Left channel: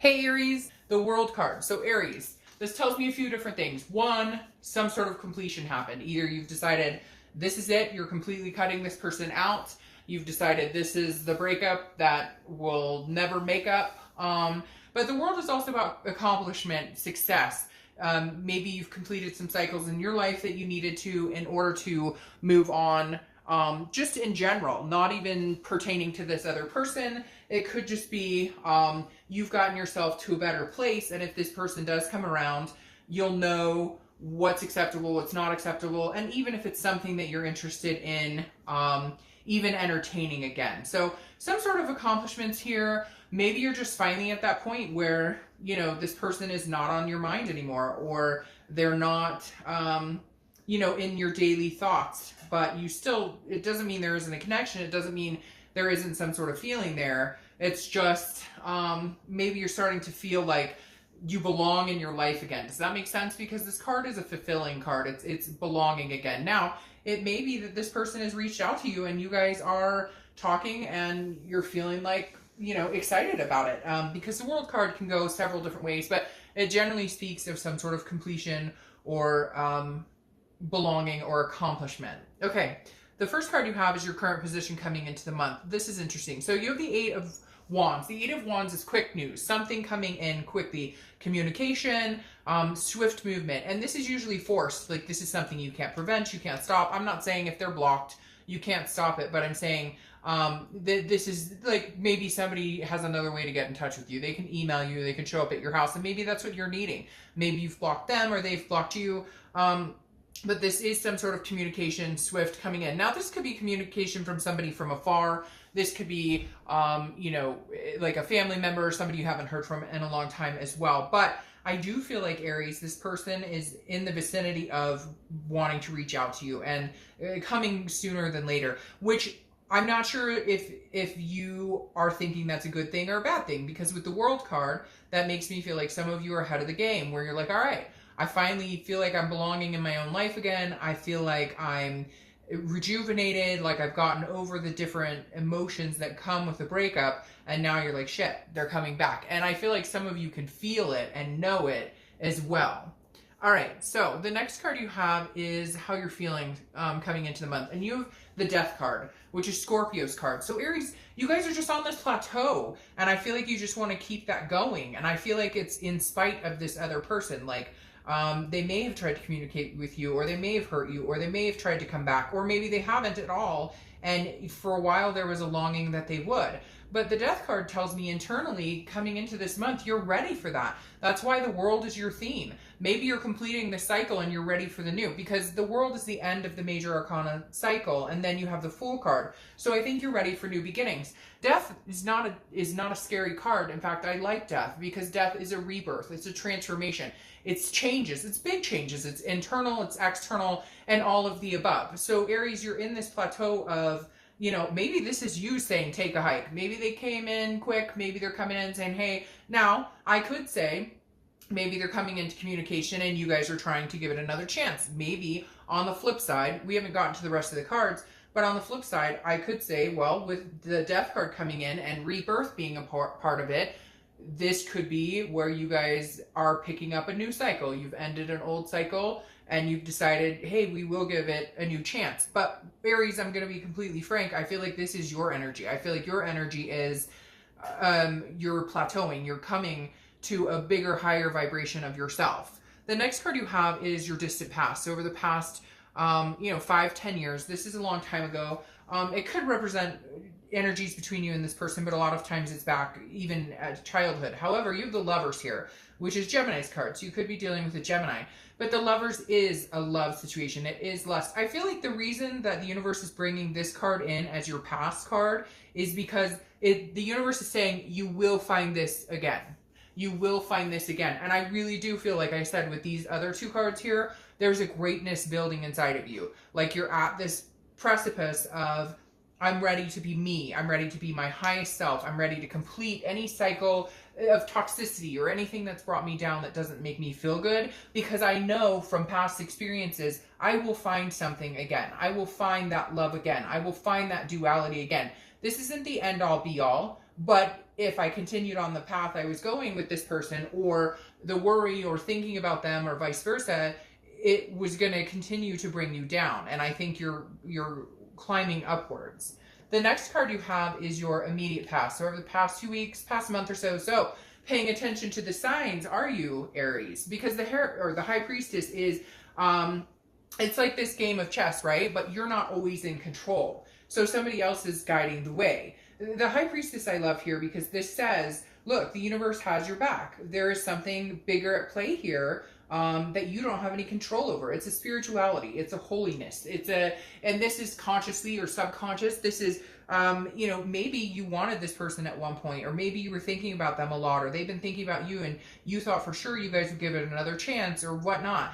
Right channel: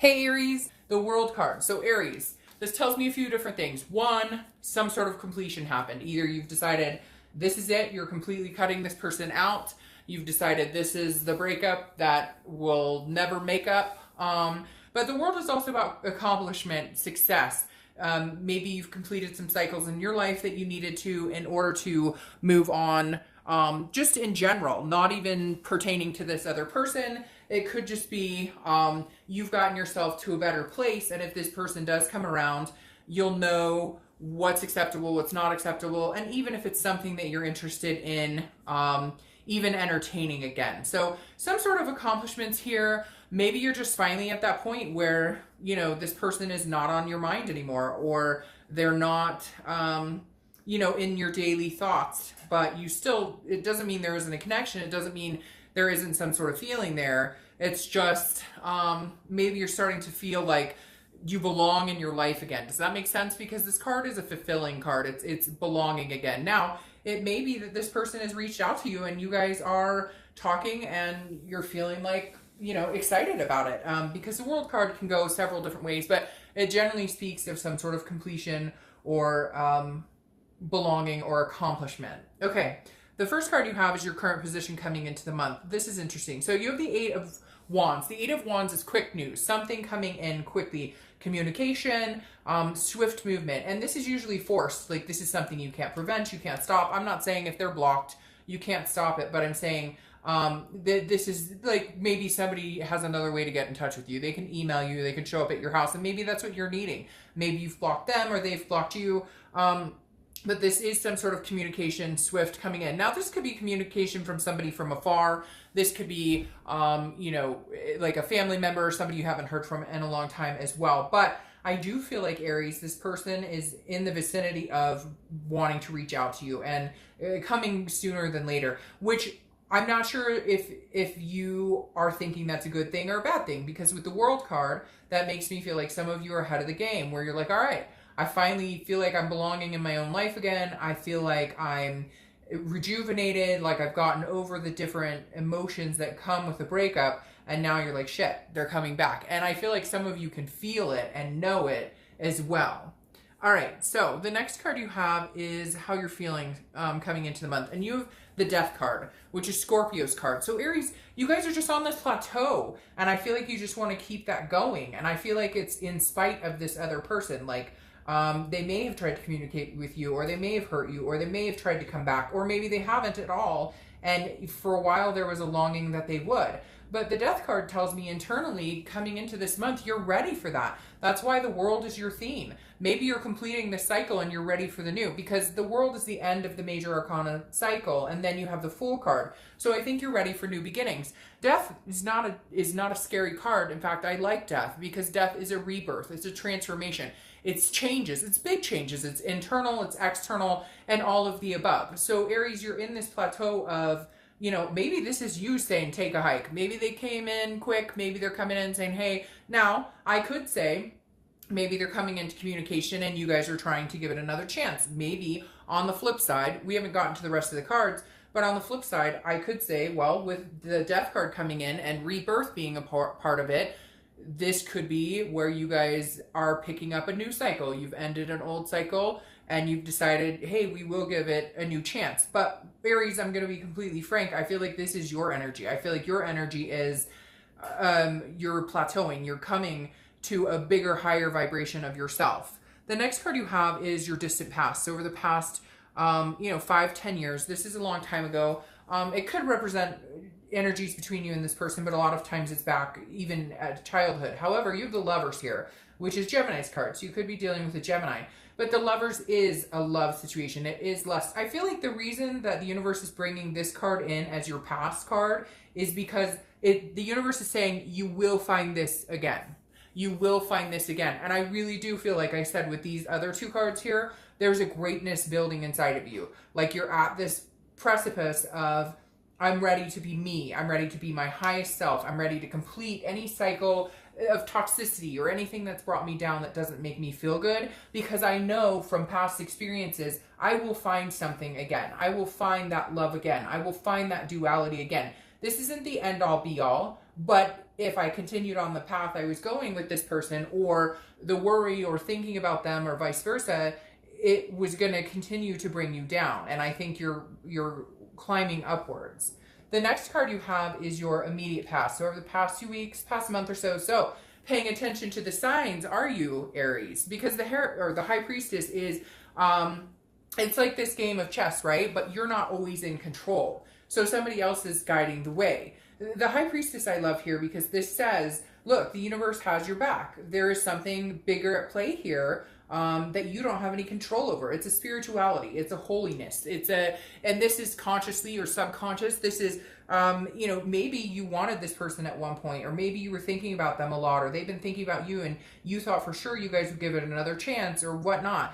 Hey Aries, the World card. So Aries, this tells me a few different things. One, some sort of completion happened. Either you've decided this is it, you're completely cutting this person out. You've decided this is the breakup that will never make up. But the World is also about accomplishment, success. Maybe you've completed some cycles in your life that you needed to in order to move on. Just in general, not even pertaining to this other person. It could just be you've gotten yourself to a better place, and if this person does come around, you'll know what's acceptable, what's not acceptable, and even if it's something that you're interested in, even entertaining again. So some sort of accomplishments here. Maybe you're just finally at that point where, you know, this person is not on your mind anymore, or they're not, you know, in your daily thoughts, but you still, it doesn't mean there isn't a connection. It doesn't mean there isn't some sort of feeling there. It's just, maybe you're starting to feel like you belong in your life again. Does that make sense? Because this card is a fulfilling card. It's belonging again. Now, it may be that this person has reached out to you and you guys are talking and you're feeling like, you know, excited about it. Because the World card can go several different ways, but it generally speaks of some sort of completion or belonging or accomplishment. Okay, the first card you have is your current position coming into the month. This is interesting. So you have the Eight of Wands. The Eight of Wands is quick news, something coming in quickly, communication, swift movement, and this is usually forced. Like, this is something you can't prevent, you can't stop. I'm not saying if they're blocked you can't stop it, but I'm saying this is like, maybe somebody has another way to get in touch with you. They can email you, they can show up at your house, and maybe that's what you're needing. Maybe you've blocked them or they've blocked you. But this is some sort of communication swift coming in. Now, this could be communication from somebody from afar. This could be, you know, like a family member or somebody you haven't heard from in a long time as well. But I do feel like, Aries, this person is in the vicinity of wanting to reach out to you and coming sooner than later, which I'm not sure if you are thinking that's a good thing or a bad thing, because with the World card, that makes me feel like some of you are ahead of the game, where you're like, all right, I finally feel like I'm belonging in my own life again. I feel like I'm rejuvenated, like I've gotten over the different emotions that come with the breakup, and now you're like, shit, they're coming back. And I feel like some of you can feel it and know it as well. All right, so the next card you have is how you're feeling coming into the month. And you have the Death card, which is Scorpio's card. So Aries, you guys are just on this plateau, and I feel like you just want to keep that going. And I feel like it's in spite of this other person. Like, they may have tried to communicate with you, or they may have hurt you, or they may have tried to come back, or maybe they haven't at all. And for a while there was a longing that they would. But the Death card tells me internally, coming into this month, you're ready for that. That's why the World is your theme. Maybe you're completing the cycle and you're ready for the new, because the World is the end of the major arcana cycle, and then you have the Fool card. So I think you're ready for new beginnings. Death is not a scary card. In fact, I like death, because death is a rebirth. It's a transformation. It's changes. It's big changes. It's internal, it's external, and all of the above. So Aries, you're in this plateau of, you know, maybe this is you saying, take a hike. Maybe they came in quick. Maybe they're coming in saying, hey. Now, I could say, maybe they're coming into communication and you guys are trying to give it another chance. Maybe on the flip side, we haven't gotten to the rest of the cards, but on the flip side, I could say, well, with the Death card coming in and rebirth being a part of it, this could be where you guys are picking up a new cycle. You've ended an old cycle and you've decided, hey, we will give it a new chance. But Aries, I'm going to be completely frank, I feel like this is your energy. I feel like your energy is, you're plateauing. You're coming to a bigger, higher vibration of yourself. The next card you have is your distant past. So over the past, you know, 5-10 years, this is a long time ago. It could represent energies between you and this person, but a lot of times it's back even at childhood. However, you have the Lovers here, which is Gemini's card. So you could be dealing with a Gemini. But the Lovers is a love situation. It is lust. I feel like the reason that the universe is bringing this card in as your past card is because the universe is saying you will find this again. You will find this again. And I really do feel like I said with these other two cards here, there's a greatness building inside of you. Like you're at this precipice of, I'm ready to be me. I'm ready to be my highest self. I'm ready to complete any cycle of toxicity or anything that's brought me down that doesn't make me feel good, because I know from past experiences, I will find something again. I will find that love again. I will find that duality again. This isn't the end all be all, But if I continued on the path I was going with this person, or the worry or thinking about them or vice versa, it was going to continue to bring you down. And I think you're climbing upwards. The next card you have is your immediate past. So over the past 2 weeks, past month or so. So paying attention to the signs, are you Aries? Because the High Priestess is, it's like this game of chess, right? But you're not always in control. So somebody else is guiding the way. The High Priestess I love here because this says, look, the universe has your back. There is something bigger at play here that you don't have any control over. It's a spirituality. It's a holiness. And this is consciously or subconscious. This is, you know, maybe you wanted this person at one point, or maybe you were thinking about them a lot, or they've been thinking about you and you thought for sure you guys would give it another chance or whatnot.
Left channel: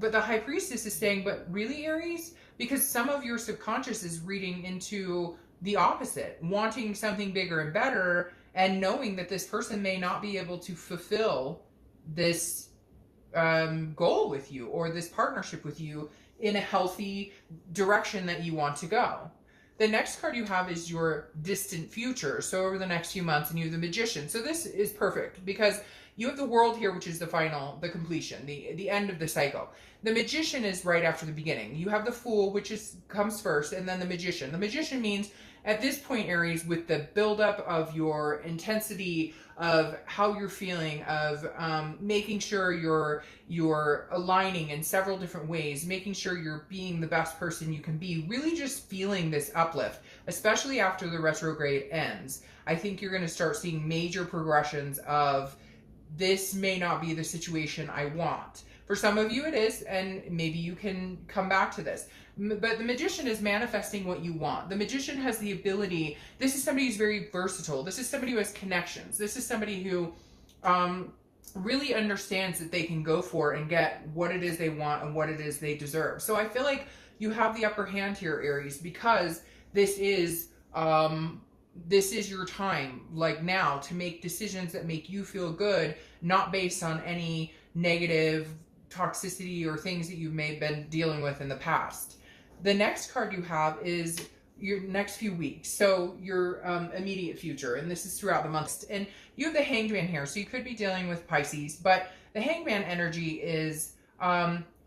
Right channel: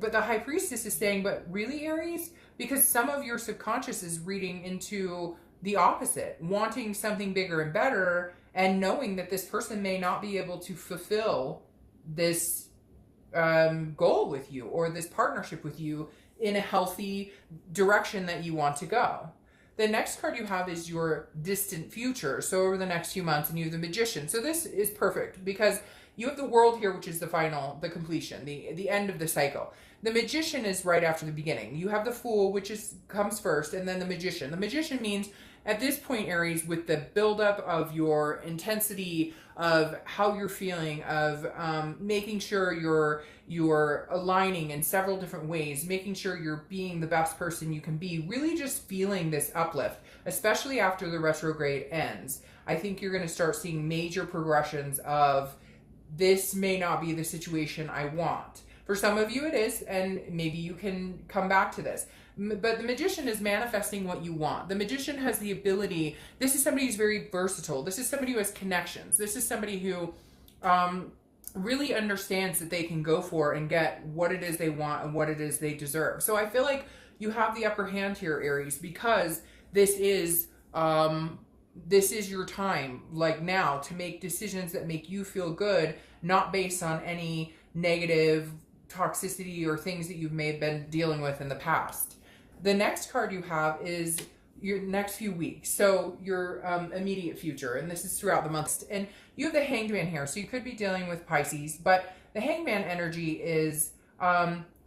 But the High Priestess is saying, but really, Aries? Because some of your subconscious is reading into the opposite, wanting something bigger and better, and knowing that this person may not be able to fulfill this goal with you or this partnership with you in a healthy direction that you want to go. The next card you have is your distant future. So over the next few months, and you have the Magician. So this is perfect because you have the World here, which is the completion, the end of the cycle. The Magician is right after the beginning. You have the Fool, which comes first, and then the Magician. The Magician means at this point, Aries, with the buildup of your intensity, of how you're feeling, of making sure you're aligning in several different ways, making sure you're being the best person you can be, really just feeling this uplift, especially after the retrograde ends. I think you're going to start seeing major progressions of, this may not be the situation I want. For some of you it is, and maybe you can come back to this. But the Magician is manifesting what you want. The Magician has the ability, this is somebody who's very versatile. This is somebody who has connections. This is somebody who really understands that they can go for and get what it is they want and what it is they deserve. So I feel like you have the upper hand here, Aries, because this is your time, like now, to make decisions that make you feel good, not based on any negative toxicity or things that you've been dealing with in the past. The next card you have is your next few weeks. So your immediate future, and this is throughout the month. And you have the Hanged Man here, so you could be dealing with Pisces, but the Hanged Man energy is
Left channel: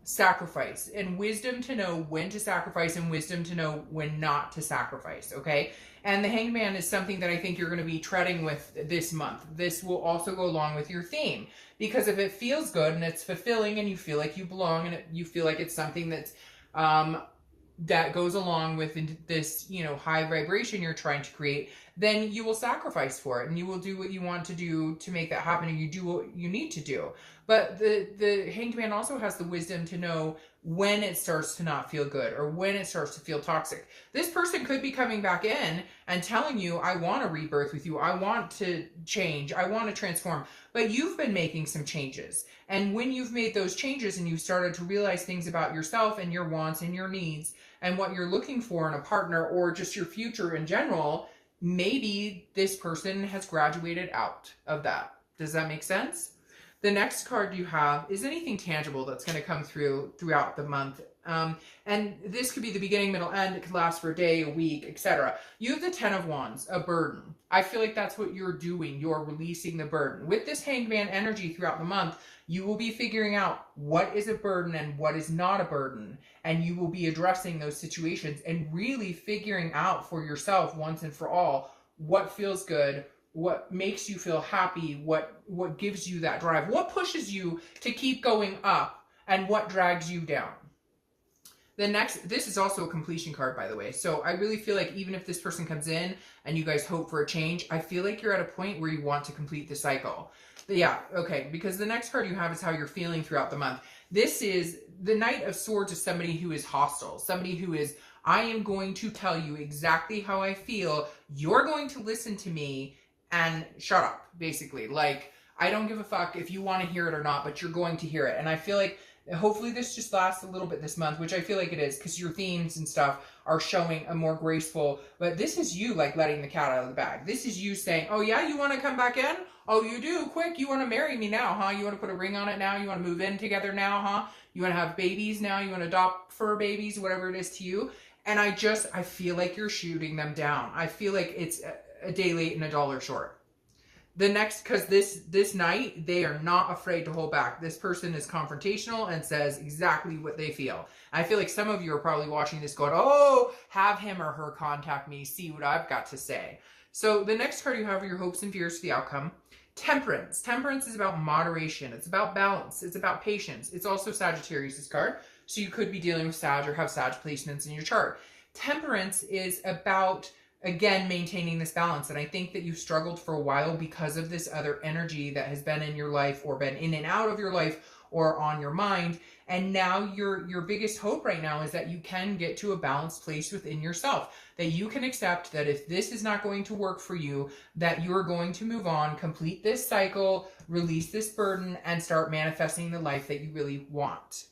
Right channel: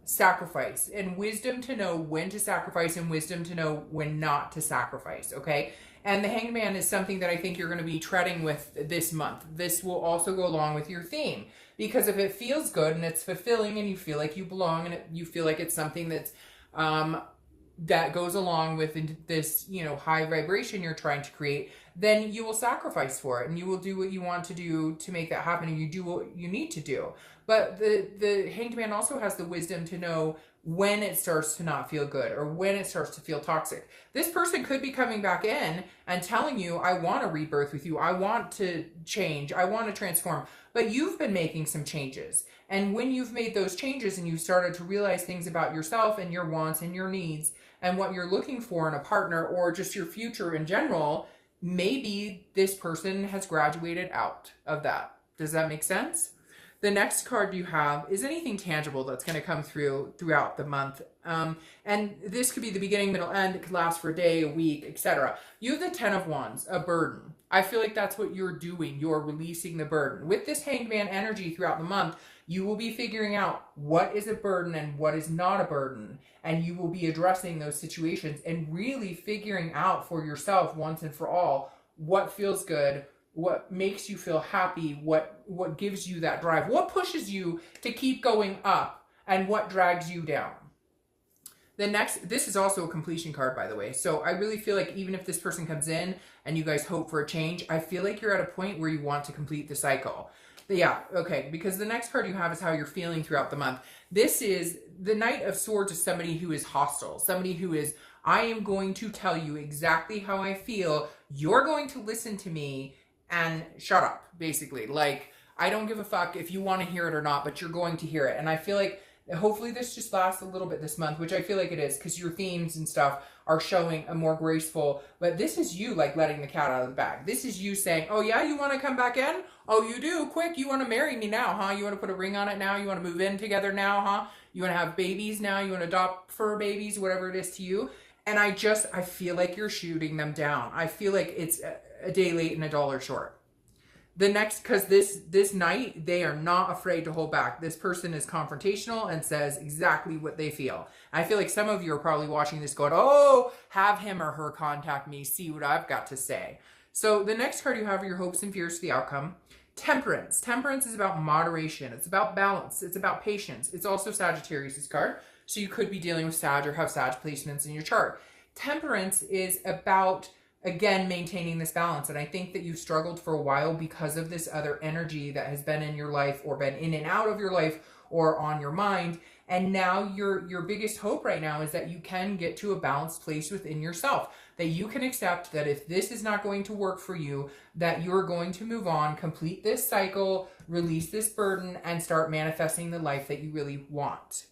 sacrifice and wisdom to know when to sacrifice and wisdom to know when not to sacrifice, okay? And the Hanged Man is something that I think you're going to be treading with this month. This will also go along with your theme, because if it feels good and it's fulfilling and you feel like you belong and you feel like it's something that's that goes along with this, you know, high vibration you're trying to create, then you will sacrifice for it and you will do what you want to do to make that happen, and you do what you need to do. But the Hanged Man also has the wisdom to know when it starts to not feel good or when it starts to feel toxic. This person could be coming back in and telling you, I want to rebirth with you. I want to change. I want to transform. But you've been making some changes. And when you've made those changes and you've started to realize things about yourself and your wants and your needs and what you're looking for in a partner or just your future in general, maybe this person has graduated out of that. Does that make sense? The next card you have is anything tangible that's going to come throughout the month. And this could be the beginning, middle, end. It could last for a day, a week, etc. You have the 10 of Wands, a burden. I feel like that's what you're doing. You're releasing the burden. With this Hanged Man energy throughout the month, you will be figuring out what is a burden and what is not a burden. And you will be addressing those situations and really figuring out for yourself once and for all what feels good, what makes you feel happy, what gives you that drive, what pushes you to keep going up, and what drags you down. This is also a completion card, by the way. So I really feel like even if this person comes in and you guys hope for a change, I feel like you're at a point where you want to complete the cycle. But yeah, okay, because the next card you have is how you're feeling throughout the month. This is the Knight of Swords, is somebody who is hostile, somebody who is, I am going to tell you exactly how I feel. You're going to listen to me and shut up, basically. Like, I don't give a fuck if you want to hear it or not, but you're going to hear it. And I feel like hopefully this just lasts a little bit this month, which I feel like it is, because your themes and stuff are showing a more graceful, but this is you like letting the cat out of the bag. This is you saying, oh yeah, you want to come back in? Oh, you do? Quick, you want to marry me now, huh? You want to put a ring on it now? You want to move in together now, huh? You want to have babies now? You want to adopt fur babies, whatever it is to you? And I feel like you're shooting them down. I feel like it's a day late and a dollar short. The next, because this night, they are not afraid to hold back. This person is confrontational and says exactly what they feel. I feel like some of you are probably watching this going, oh, have him or her contact me, see what I've got to say. So the next card you have are your hopes and fears for the outcome. Temperance. Temperance is about moderation. It's about balance. It's about patience. It's also Sagittarius' card. So you could be dealing with Sag or have Sag placements in your chart. Temperance is about, again, maintaining this balance. And I think that you've struggled for a while because of this other energy that has been in your life or been in and out of your life or on your mind. And now your biggest hope right now is that you can get to a balanced place within yourself, that you can accept that if this is not going to work for you, that you're going to move on, complete this cycle, release this burden, and start manifesting the life that you really want.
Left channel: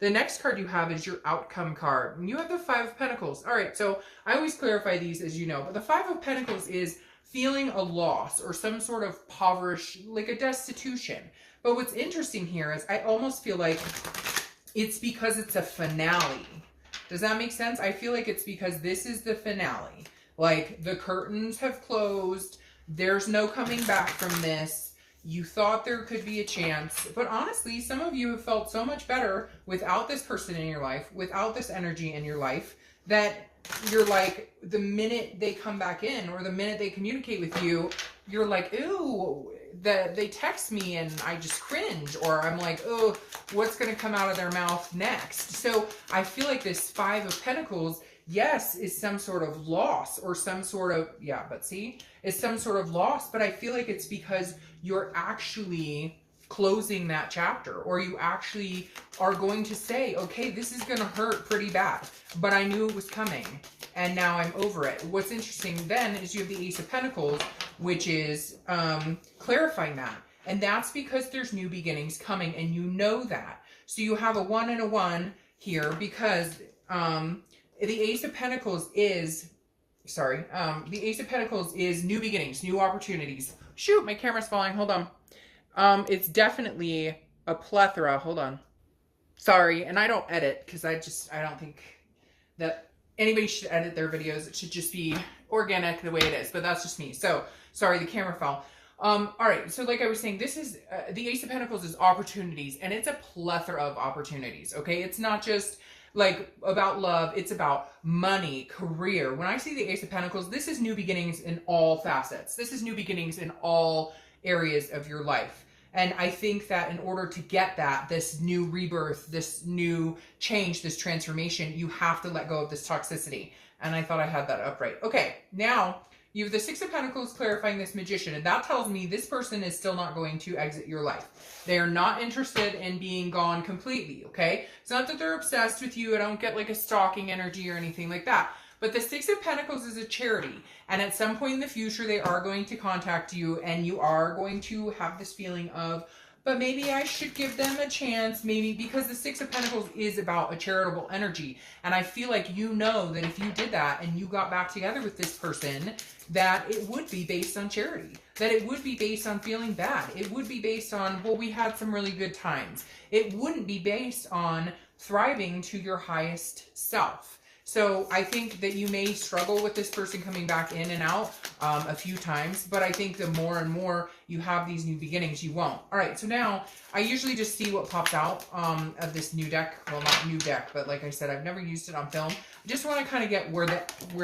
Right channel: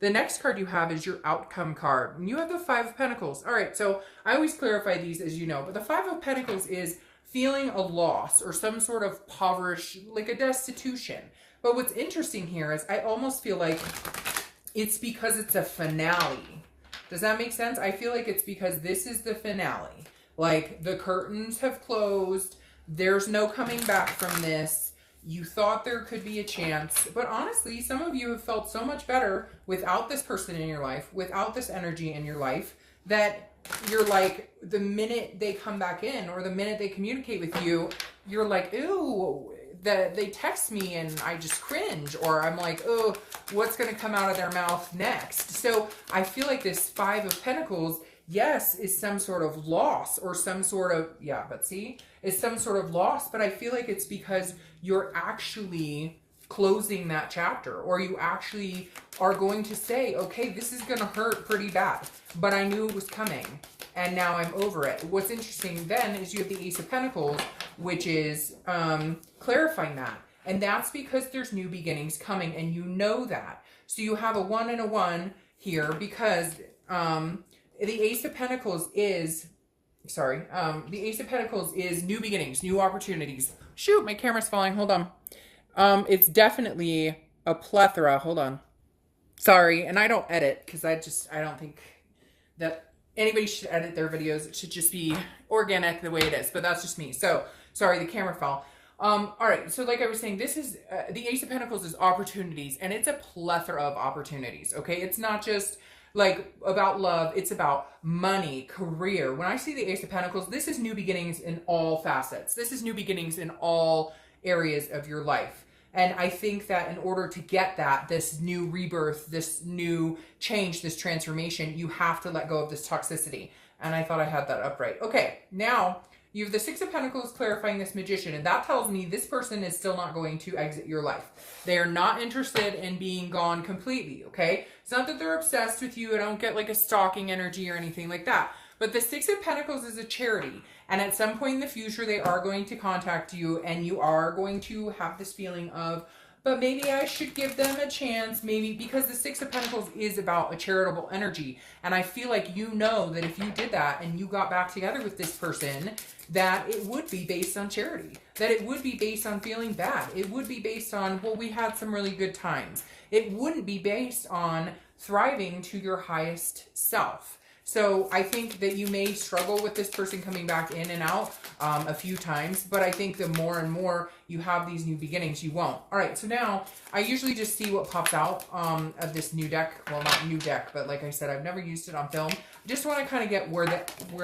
The next card you have is your outcome card. You have the Five of Pentacles. All right, so I always clarify these, as you know, but the Five of Pentacles is feeling a loss or some sort of poverty, like a destitution. But what's interesting here is I almost feel like it's because it's a finale. Does that make sense? I feel like it's because this is the finale. Like the curtains have closed. There's no coming back from this. You thought there could be a chance, but honestly, some of you have felt so much better without this person in your life, without this energy in your life, that you're like, the minute they come back in or the minute they communicate with you, you're like, ooh, they text me and I just cringe, or I'm like, oh, what's going to come out of their mouth next? So I feel like this Five of Pentacles, yes, is some sort of loss or some sort of, yeah, but see, it's some sort of loss, but I feel like it's because you're actually closing that chapter, or you actually are going to say, okay, this is going to hurt pretty bad, but I knew it was coming and now I'm over it. What's interesting then is you have the Ace of Pentacles, which is clarifying that. And that's because there's new beginnings coming and you know that. So you have a 1 and a 1 here because the Ace of Pentacles is, the Ace of Pentacles is new beginnings, new opportunities. Shoot, my camera's falling. Hold on. It's definitely a plethora. Hold on. Sorry, and I don't edit because I don't think that anybody should edit their videos. It should just be organic the way it is, but that's just me. So, sorry, the camera fell. All right, so like I was saying, this is, the Ace of Pentacles is opportunities, and it's a plethora of opportunities, okay? It's not just like about love, it's about money, career. When I see the Ace of Pentacles, this is new beginnings in all facets. This is new beginnings in all areas of your life. And I think that in order to get that, this new rebirth, this new change, this transformation, you have to let go of this toxicity. And I thought I had that up right. Okay, now you have the Six of Pentacles clarifying this Magician, and that tells me this person is still not going to exit your life. They are not interested in being gone completely, okay? It's not that they're obsessed with you. I don't get like a stalking energy or anything like that. But the Six of Pentacles is a charity, and at some point in the future, they are going to contact you, and you are going to have this feeling of, but maybe I should give them a chance, maybe, because the Six of Pentacles is about a charitable energy. And I feel like you know that if you did that and you got back together with this person, that it would be based on charity, that it would be based on feeling bad. It would be based on, well, we had some really good times. It wouldn't be based on thriving to your highest self. So I think that you may struggle with this person coming back in and out a few times, but I think the more and more you have these new beginnings, you won't. All right, so now I usually just see what pops out of this new deck. Well, not new deck, but like I said, I've never used it on film. I just want to kind of get where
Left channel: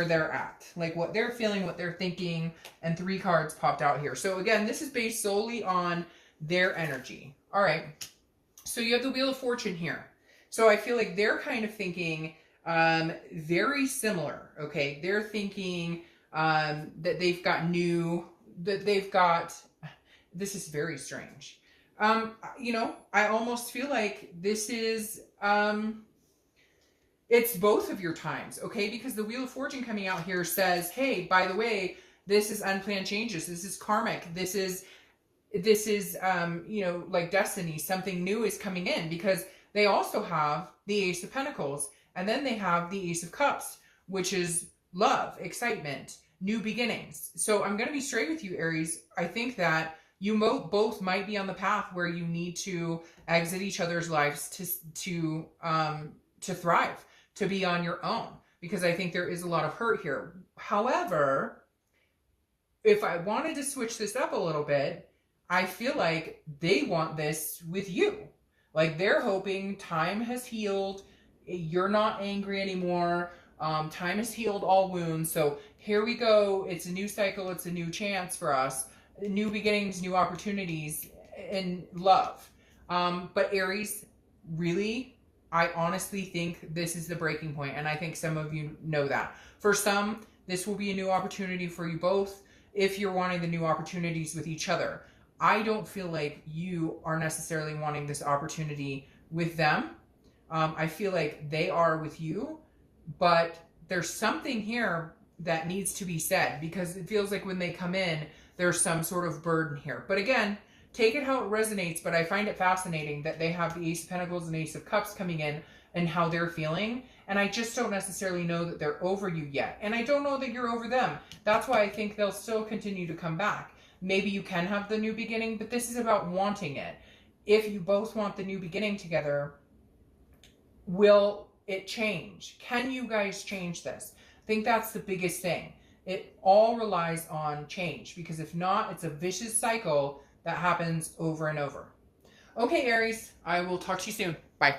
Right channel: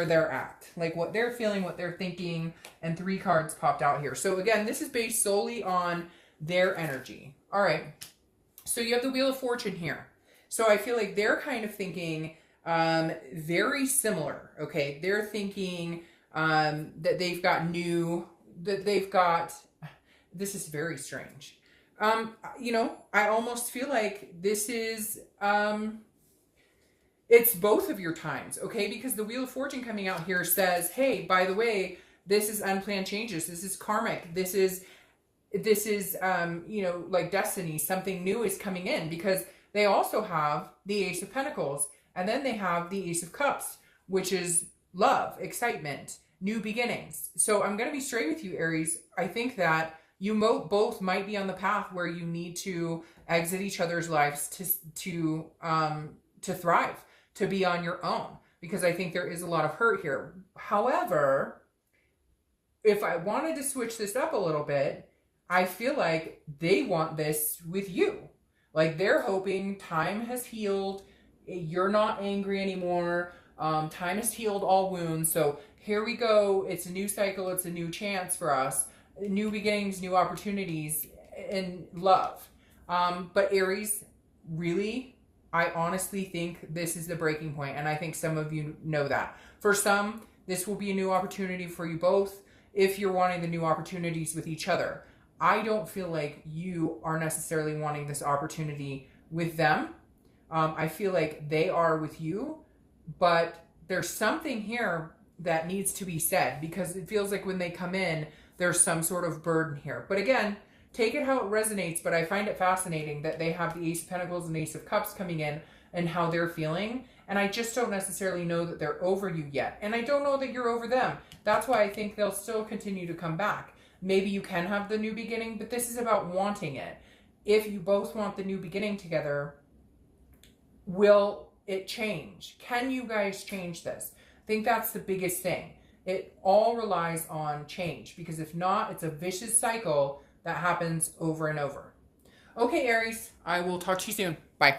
they're at, like what they're feeling, what they're thinking, and 3 cards popped out here. So again, this is based solely on their energy. All right, so you have the Wheel of Fortune here. So I feel like they're kind of thinking very similar, okay? They're thinking that they've got this is very strange. You know, I almost feel like this is, it's both of your times, okay? Because the Wheel of Fortune coming out here says, hey, by the way, this is unplanned changes. This is karmic. This is, you know, like destiny. Something new is coming in, because they also have the Ace of Pentacles. And then they have the Ace of Cups, which is love, excitement, new beginnings. So I'm going to be straight with you, Aries. I think that you both might be on the path where you need to exit each other's lives to thrive, to be on your own, because I think there is a lot of hurt here. However, if I wanted to switch this up a little bit, I feel like they want this with you. Like they're hoping time has healed, you're not angry anymore, time has healed all wounds, so here we go, it's a new cycle, it's a new chance for us, new beginnings, new opportunities, and love. But Aries, really, I honestly think this is the breaking point, and I think some of you know that. For some, this will be a new opportunity for you both if you're wanting the new opportunities with each other. I don't feel like you are necessarily wanting this opportunity with them. I feel like they are with you, but there's something here that needs to be said, because it feels like when they come in, there's some sort of burden here. But again, take it how it resonates, but I find it fascinating that they have the Ace of Pentacles and Ace of Cups coming in and how they're feeling. And I just don't necessarily know that they're over you yet. And I don't know that you're over them. That's why I think they'll still continue to come back. Maybe you can have the new beginning, but this is about wanting it. If you both want the new beginning together, will it change? Can you guys change this? I think that's the biggest thing. It all relies on change, because if not, it's a vicious cycle that happens over and over. Okay, Aries, I will talk to you soon. Bye.